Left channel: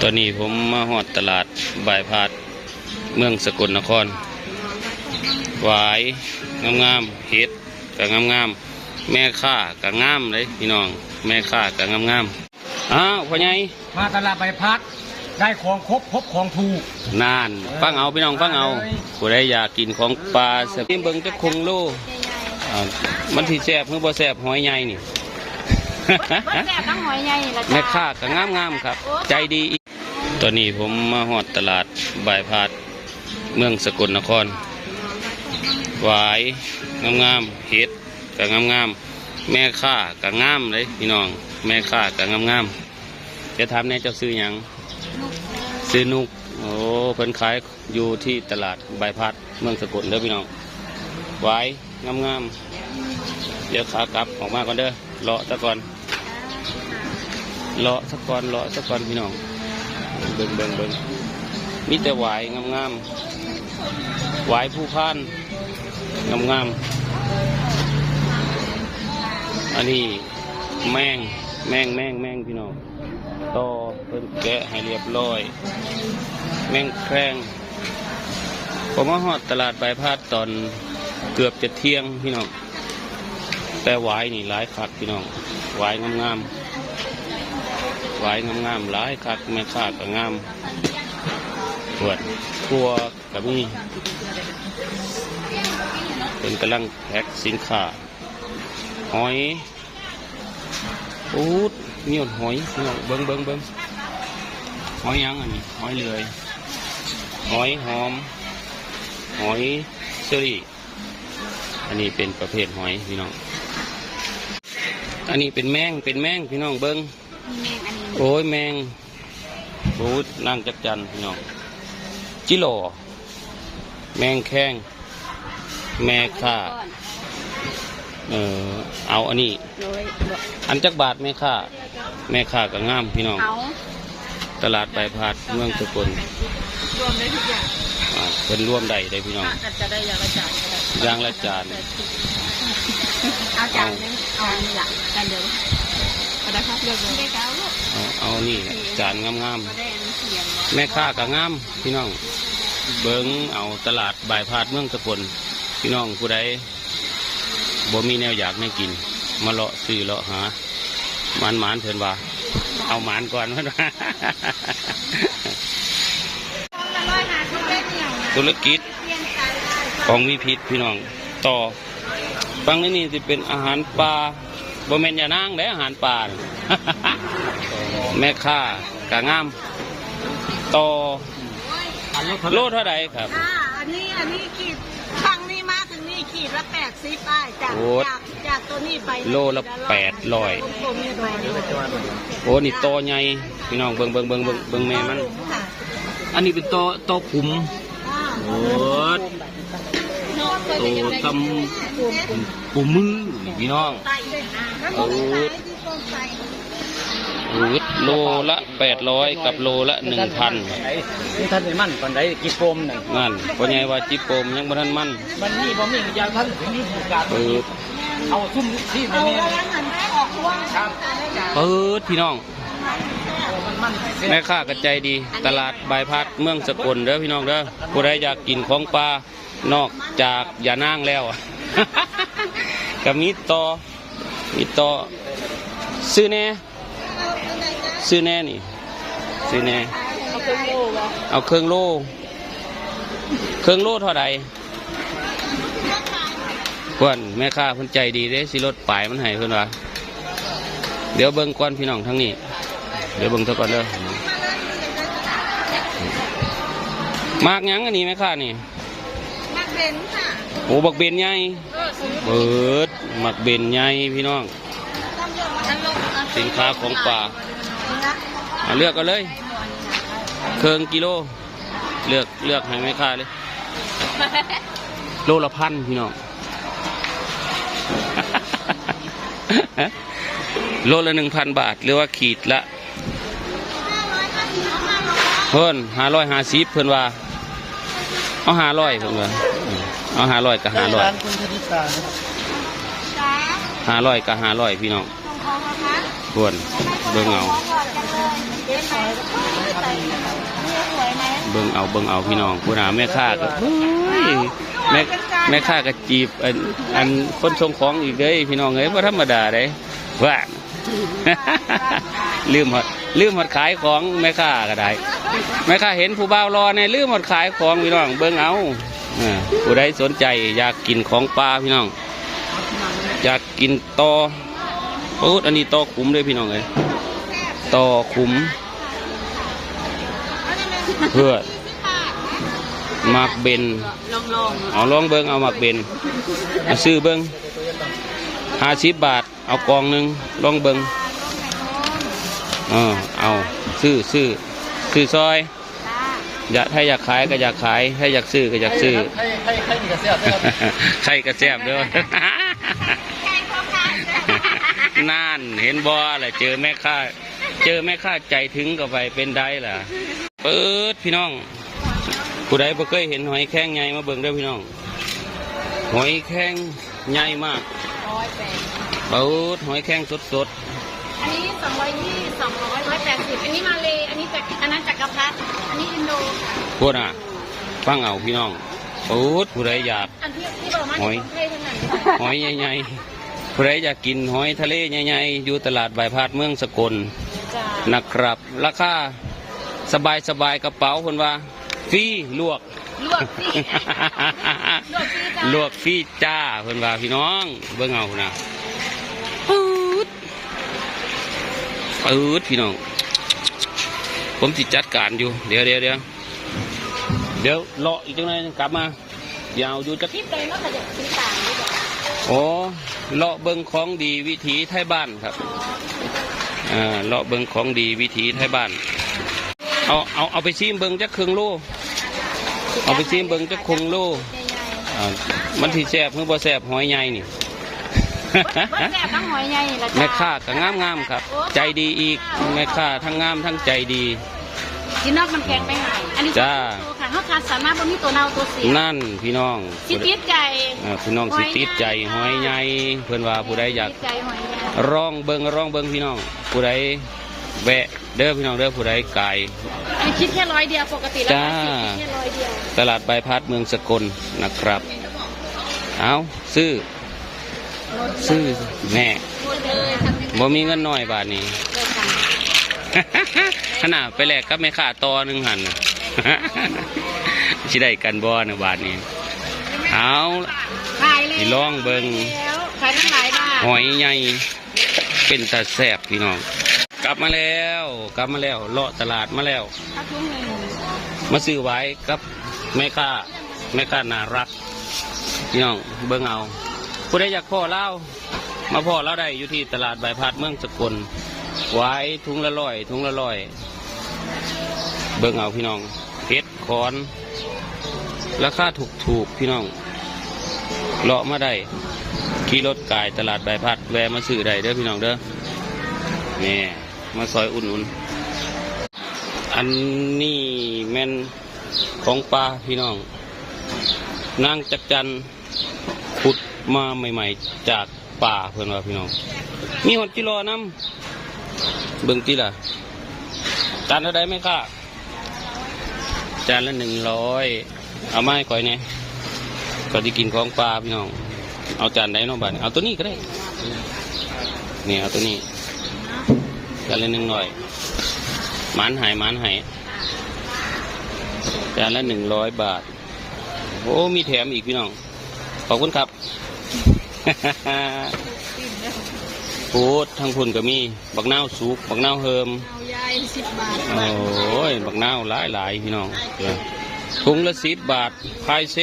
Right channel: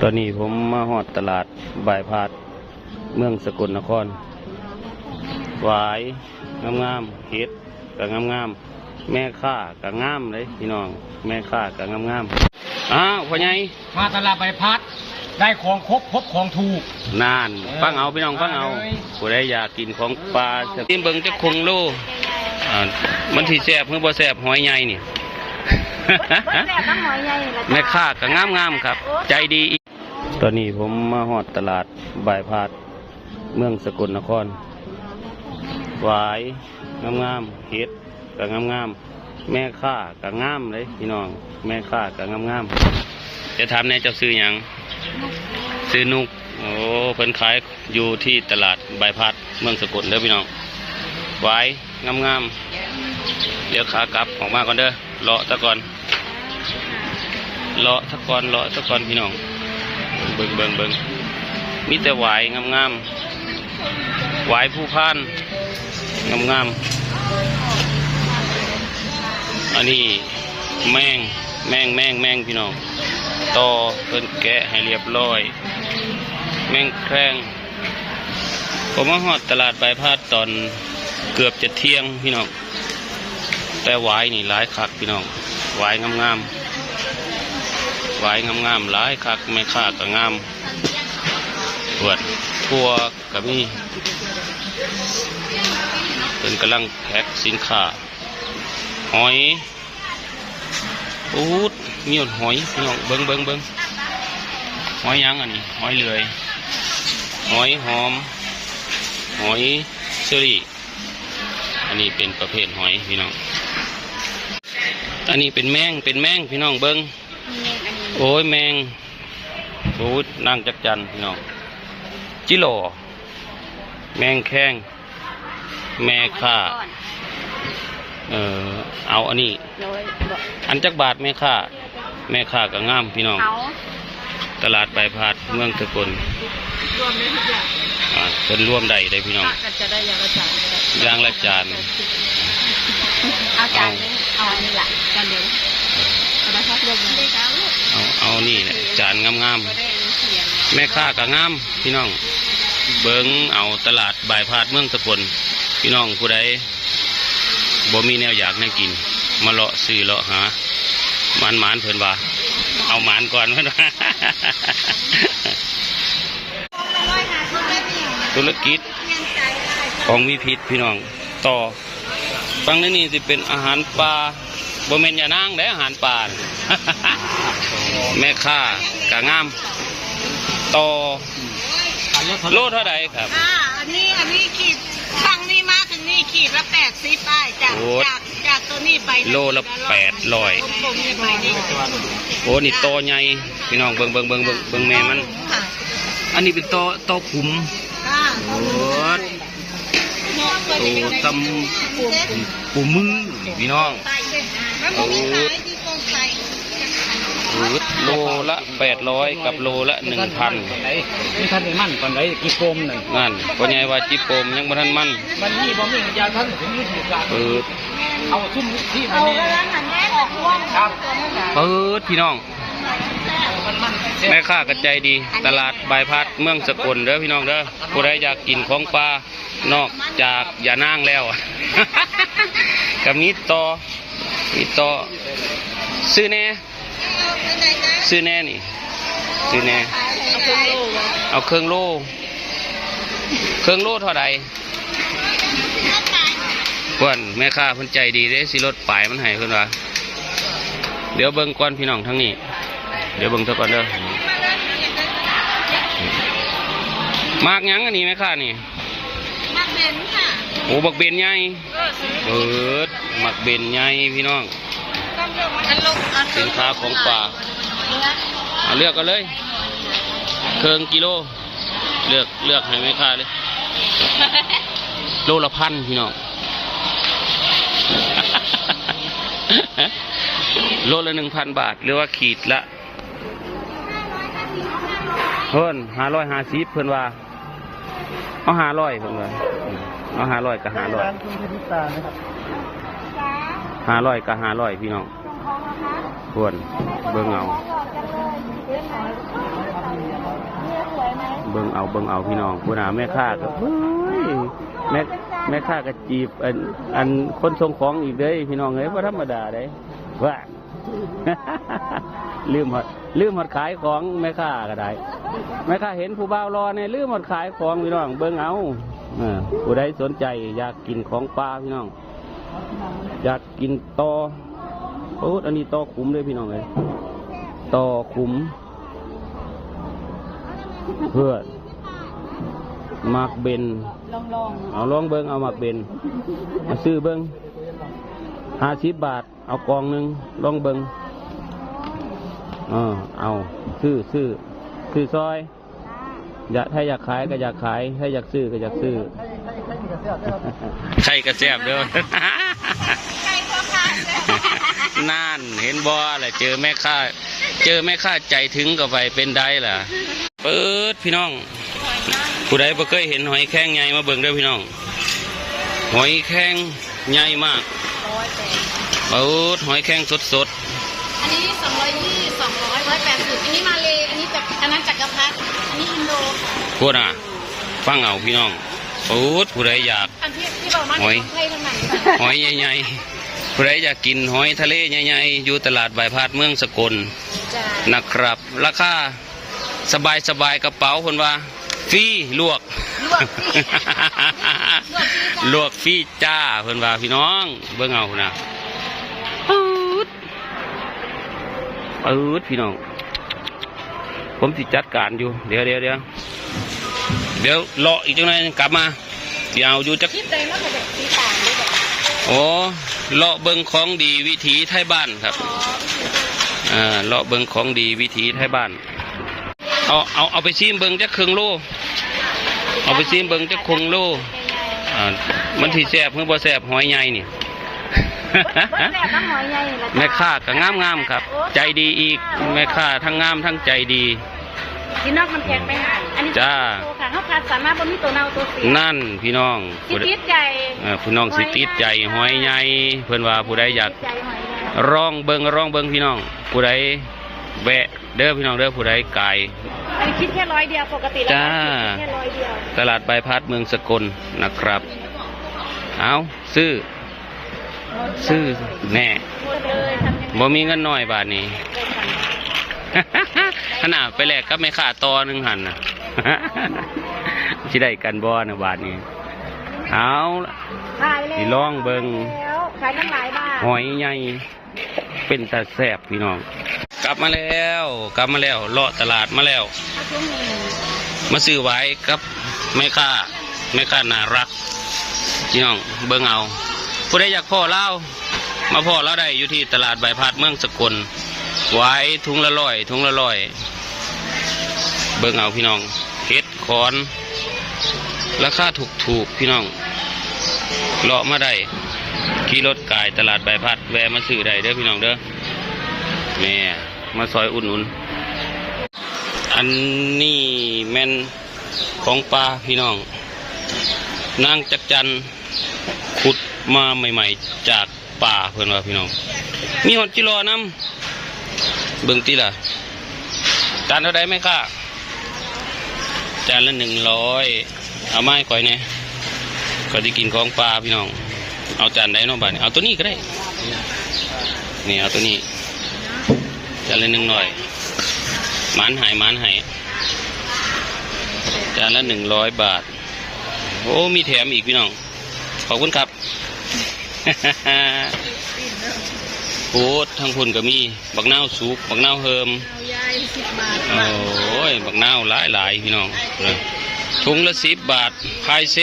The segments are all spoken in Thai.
ตอนนี้ผมมาหอดตลาดบายพาดเมืองสกลนครหวายงามๆเห็ดกับงามๆแม่ค่ากับงามเลยพี่น้อง แม่ค่ากับงามๆอ้าวพ่อใหญ่มาตลาดใบพัดได้ของครบครบของถูกนานฟังเอาพี่น้องฟังเอามาเลยผู้ใดอยากกินของปลาสกินเบิ่งจะคงโลอ่ามันที่แซ่บเพื่อบ่แซ่บหอยใหญ่นี่แซ่บน้ำหอยใหญ่ละจ้ะแม่ค้าก็งามงามๆครับ ใจดีอีก ตอนนี้ผมมาหอดตลาดบายพาดเมืองสกลนครหวายงามงามๆเห็ดก็งามงามๆแม่ค้าก็งามเลยพี่น้อง แม่ค้าก็งามงามๆจะถามแน่เจ้าซื้อหยังซื้อนุกโอ้เพิ่นขายอยู่ที่ตลาดบายพาดเมืองสกลเด้อพี่น้องหวายงามงามๆเดี๋ยวขากลับออกมาก่อนเด้อเลาะตะก่อนเลาะสักก่อนเลาะสักก่อนพี่น้อง เบิ่งเบิ่งเบิ่งมีแต่หวายงามๆหวายผู้พานงามๆอันนี้แมงแมงแมงแมงพี่น้องต่อเพิ่นแกะให้เรียบร้อย แมงแครงผมมาฮอดตลาดใบายพาดตอนเกือบจะเที่ยงพี่น้องแต่หวายนี่หลายคักพี่น้องหวายงามๆ วายงามๆหลายคักไม่ค่าก็งามปวดทั่วก็มีเป็นกำลังแพ็คสินค้าหอยอูดมีหดหอยพี่น้องเบิ้งเบิ้งเบิ้งหอยยังอันนี้หอยเลือยหอยหอม หอยเชอรี่ อันนี้เป็นประเภทหอยพี่น้อง อันนี้เป็นแมงเป็นแมงพี่น้องเบิ้ง โอ้ยแมงโอ้ยนั่งจักจันพี่น้องจิโหลแมงแข้งแม่ค่าเออเอาอันนี้โดยอันจักบาทแม่ค่าแม่ค่าก็งามพี่น้องเขาตลาดใบพาดเมืองสกลรวมได้ทุกอย่างอ่าเป็นร่วมใดได้พี่น้องถ้ากันจะได้อย่างละจานก็ได้อย่างละจานเอาจานนี้เอานี่แหละจานเดียวเอาได้ครับเลือกเลย เอาเอานี่แหละจานงามๆแม่ค่าก็งามพี่น้อง เบิ้งเอาตลาดบ่ายพาดเมืองสกลพี่น้องผู้ใดบ่มีแนวอยากแนวกิน มาเลาะซื้อเลาะหาหมานหมานเพิ่นว่า เอาหมานก่อนเพิ่นว่าธุรกิจของมีพิษพี่น้องต่อฟังในนี้สิเป็นอาหารปลา บ่แม่นอย่านางได้อาหารปลาน่ะแม่ค้ากะงามต่อโลเท่าไหร่ครับ อ่าอันนี้อันนี้ขีดฝั่งนี้มาถึงนี่ขีดละแปดสิบได้จากโอ้จากจากตัวนี้ไปโลละแปดร้อย ผมๆนี่ไปนี่โอ้นี่โตใหญ่พี่น้องเบิ่งเบิ่งเบิ่งเบิ่งเบิ่งแม่มัน ค่ะอันนี้เป็นโตโตขุมอ่าโอ้โตตำปูมือพี่น้องใส่เลยอ่าโอ้ที่กองใส่โหโลละแปดร้อยกับโลละหนึ่งพันนี่ท่านไอ้มั่นก่อนไหนกี่โฟมนั่นนั่นพ่อใหญ่ว่าจิโปมยังบ่ทันมันมันนี่บ่มียาท่านถึงนี่ถึงการเปิดเอาซุ่มที่มันนี่ครับเปิดพี่น้องแม่ค้าก็ใจดี ตลาดบายพัดเมืองสกลเด้อพี่น้องเด้อผู้ใดอยากกินของปลานอกจากอย่านางแล้ว กับนี้ต่อนี่ต่อซื้อแน่ซื้อแน่นี่ซื้อแน่เอาเครื่องโลเครื่องโลเท่าไหร่เพื่อนแม่ค้าเพิ่นใจดีเด้สิรถปลายมันให้เพิ่นว่าเดี๋ยวเบิ่งก่อนพี่น้องทั้งนี้ เดี๋ยวเบิ่งเท่าก่อนเด้อมากหยังอันนี้ไหมค่ะนี่มักเบนค่ะ โอ้บักเบนใหญ่เบิด มักเบนใหญ่พี่น้องต้องเลือกมากันลงเอาสินค้าของป่านะเอาเลือกกันเลย เครื่องกิโล เลือกเลือกให้แม่ค้าเลย โลละพันพี่น้อง โลละหนึ่งพันบาท หรือว่าขีดละ เพิ่นห้าร้อยห้าสิบเพิ่นว่า เอาห้าร้อยเพิ่นว่าอืมเอาห้าร้อยกับห้าร้อย ห้าร้อยกับห้าร้อยพี่น้องของเขานะคะทวนเบิ่งเอาของหยอดกันเลยเห็นไหมไหมเบิ่งเอาเบิ่งเอาพี่น้องผู้หาแม่ค้าก็เฮ้ยแม่แม่ค้าก็จีบอันอันคนส่งของอีกเด้ยพี่น้องเอ้ยว่าธรรมดาเด้ว่า ลืมหมดลืมหมดขายของแม่ค้าก็ได้แม่ค้าเห็นผู้บ่าวรอเนี่ยลืมหมดขายของพี่น้องเบิ่งเอาเออผู้ใดสนใจอยากกินของปลาพี่น้อง อยากกินตอโอ้อันนี้ตอขุมเลยพี่น้องเอ้ยตอขุมเพื่อมักเบนลองลองเอาลองเบิ้งเอามักเบนเอาซื้อเบิ้งห้าสิบบาท เอากองหนึ่งลองเบิ้งเออเอาซื้อซื้อซื้อซอยอยากถ้าอยากขายก็อยากขาย ถ้าอยากซื้อก็อยากซื้อให้ให้ให้ดีกับเสียใช่กระแซบเด้อ ใครก็ขายเลย นั่นเห็นบ่แหละเจอแม่ค้าเจอแม่ค้าใจถึงก็ไปเป็นได้ล่ะเปิดพี่น้อง ผู้ใดบ่เคยเห็นหอยแข้งใหญ่มาเบิ่งเด้อพี่น้อง หอยแข้งใหญ่มากเปิดหอยแข้งสดอันนี้สองร้อยยี่สองร้อยร้อยแปดสิบอันนี้มาเลยอันนี้จากอันนั้นจักรพรรดิอันนี้อินโดๆพวกน่ะฟังเอาพี่น้องเปิดผู้ใดอยากอันที่ที่บอกมาหอยไทยทั้งนั้นหอยใหญ่ๆ ผู้ใดอยากกินหอยทะเลใหญ่ๆอยู่ตลาดบายพาดเมืองสกลจ้านะครับ ราคาสบายสบายๆกระเป๋าคนว่าฟรีลวก ลวกสิลวกฟรีจ้าเพิ่นว่าพี่น้อง เบิ่งเอานะปืดปืดพี่น้อง ผมสิจัดการอยู่ เดี๋ยวเดี๋ยวเดี๋ยวเดี๋ยวเลาะอีกจังหน่อยกลับมาเดี๋ยวเอาอยู่จักคลิปใดมากกว่าแบบสีต่างด้วยแบบโอ้ เลาะเบิงของดีวิถีไทยบ้านครับอ่าเลาะเบิงของดีวิถีไทยบ้าน เอาเอาเอาไปซิมเบิงจักครึ่งโลเอาไปซิมเบิงจักคงโลอ่ามันที่แซ่บเมื่อบ่แซ่บหอยใหญ่นี่แซ่บทั้งหอยใหญ่แม่ค้าก็งามงามๆครับ ใจดีอีกแม่ค้าทั้งงามทั้งใจดีจีนักมันแพงไปหา อันนี้จ้าตัวค่ะเขาทานสามน้ำบนนี้ตัวเน่าตัวเสียนั่นพี่น้องสิผู้ใดติดใจเอ่อพี่น้องสิติดใจหอยใหญ่เพื่อนว่าผู้ใดอยากติดใจหอยใหญ่ร้องเบิงร้องเบิงพี่น้อง ผู้ใดแวะเด้อพี่น้องเด้อผู้ใดไกลอันนี้คิดแค่ร้อยเดียวปกติแล้วจ้าคิดแค่ร้อยเดียวตลาดบายพัดเมืองสกลนะครับ เอาซื้อ ซื้อแน่เลยทำยังไงบ่มีเงินน้อยบาทนี้ขนาดไปแลกกับแม่ค้าตอหนึ่งหันนะ สิได้กันบ่นะบาทนี้เอาล่ะขายเลยสิลองเบิ่งแล้วขายทั้งหลายบ้านหอยใหญ่เป็นตาแสบพี่น้อง กลับมาแล้ว กลับมาแล้วเลาะตลาดมาแล้วถ้าทุ่งหนึ่งมาซื้อไว้กับแม่ค้าแม่ค้าน่ารัก พี่น้องเบิ่งเอาผู้ใดอยากพ่อเล่ามาพ่อเล่าได้อยู่ที่ตลาดบายพาดเมืองสกลไว้ถุงละร้อยถุงละร้อย เบิ่งเอาพี่น้อง เฮ็ดคอน ราคาถูกถูกๆพี่น้องเลาะมาได้ขี่รถกายตลาดใบพัดแวะมาซื้อได้เด้อพี่น้องเด้อแม่มาซอยอุ่นอุ่นๆอันนี้แม่นของปลาพี่น้อง นางจักจันขุดมาใหม่ ๆ จากป่าเพื่อนว่าพี่น้อง มีหอดจิรอน้ำเบิ่งตีล่ะจานเท่าไดไหมค่ะ จานละหนึ่งร้อยเอาไม้ก่อยเนี่ยก็ได้กินของปลาพี่น้อง เอาจานใดเน้องบ้านเอาตัวนี้ก็ได้นี่เอาตัวนี้จานละหนึ่งร้อยหมันหายหมันหายจานละหนึ่งร้อยบาท โอ้มีแถมอีกพี่น้อง ขอบคุณครับ พูดทั้งพุ่นก็มีบักนาวสุกบักนาวเฮิมเอายายสิบบาทโอ้ยบักนาวหลายหลายๆพี่น้องเลยถุงละสิบบาทพายเซ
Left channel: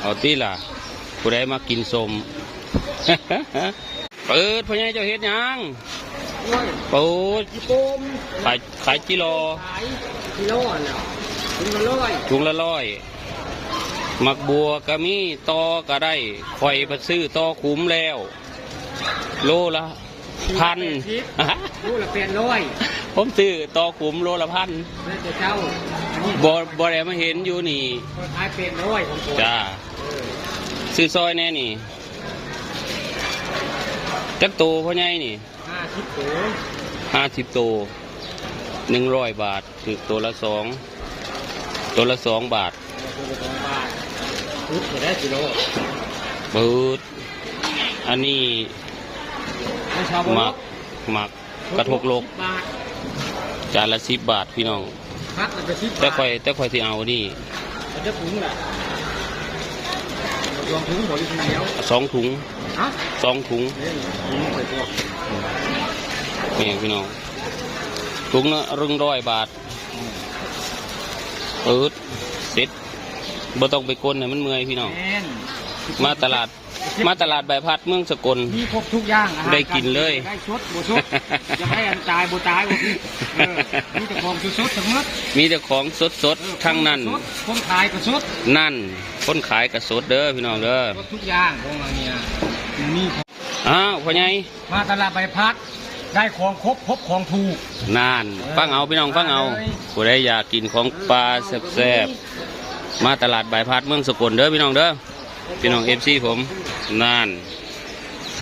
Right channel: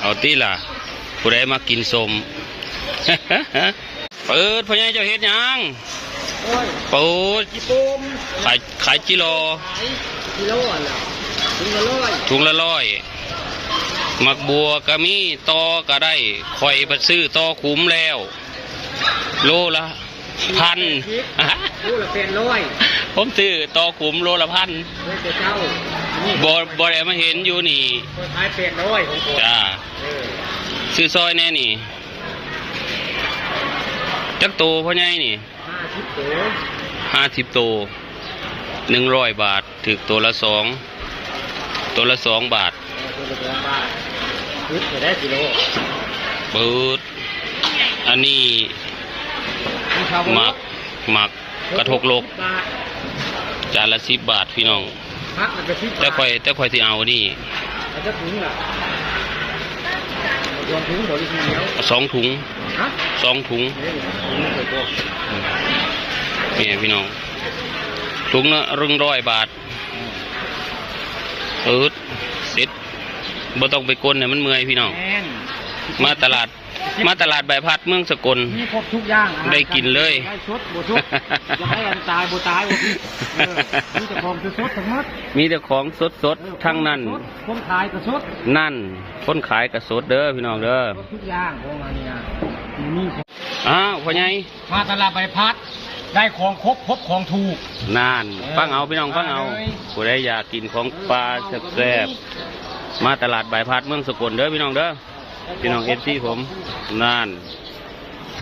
เอาตีล่ะผู้ใดมากินสมเปิดพ่อใหญ่เจ้าเฮ็ดหยังโอ้ยเปิดญี่ปุ่มขายขายจิโลขายกิโลแล้วถึงละร้อยถุงละร้อยมักบัวก็มีตอก็ได้คอยไปซื้อตอขุมแล้ว โลละพันโลละเป็นร้อยผมซื้อตอขุมโลละพันแล้วจะเจ้านี่บอบอได้มาเห็นอยู่นี่ขายเป็นร้อยของคนจ้าเออซื้อซอยแน่นี่จักโตพ่อใหญ่นี่ห้าสิบโตห้าสิบโตหนึ่งร้อยบาทถึกตัวละสองตัวละสองบาทตัวละสองบาทซื้อตัวได้กิโลเปิดอันนี้ของชาว หมักหมักกระทกโลกบาทจานละสิบบาทพี่น้องพักแล้วก็สิบแต่บาทค่อยแต่ค่อยที่เอานี่เอาจะถุงล่ะรวมถุงบริการแล้วสองถุงฮะสองถุงนี่ถุงไม่เคยพกนี่พี่น้อง ถุงละรึงร้อยบาทเปิดเสร็จบ่ต้องไปกลนเนี่ยมันเมื่อยพี่น้องแม่นมาตลาด มาตลาดใบพัดเมืองสกล มีครบทุกอย่างอาหารได้กินเลย ได้ชดบ่ชดจะให้อันตายบ่ตายบ่พี่เออมีแต่ของสดๆทั้งหมดมีแต่ของสดสดเออๆทั้งนั้นคนขายก็สดนั่นคนขายกับสดเด้อพี่น้องเด้อครบทุกอย่างของเราเนี่ยมีของอ้าวพ่อใหญ่มาตลาดใบพัด ได้ของครบครบของถูก นั่นฟังเอาพี่น้องฟังเอามาเลยผู้ใดอยากกินของปลาแซ่บๆมาตลาดใบพัดเมืองสกลเด้อพี่น้องเด้อ พี่น้องเอฟซีผมนั่น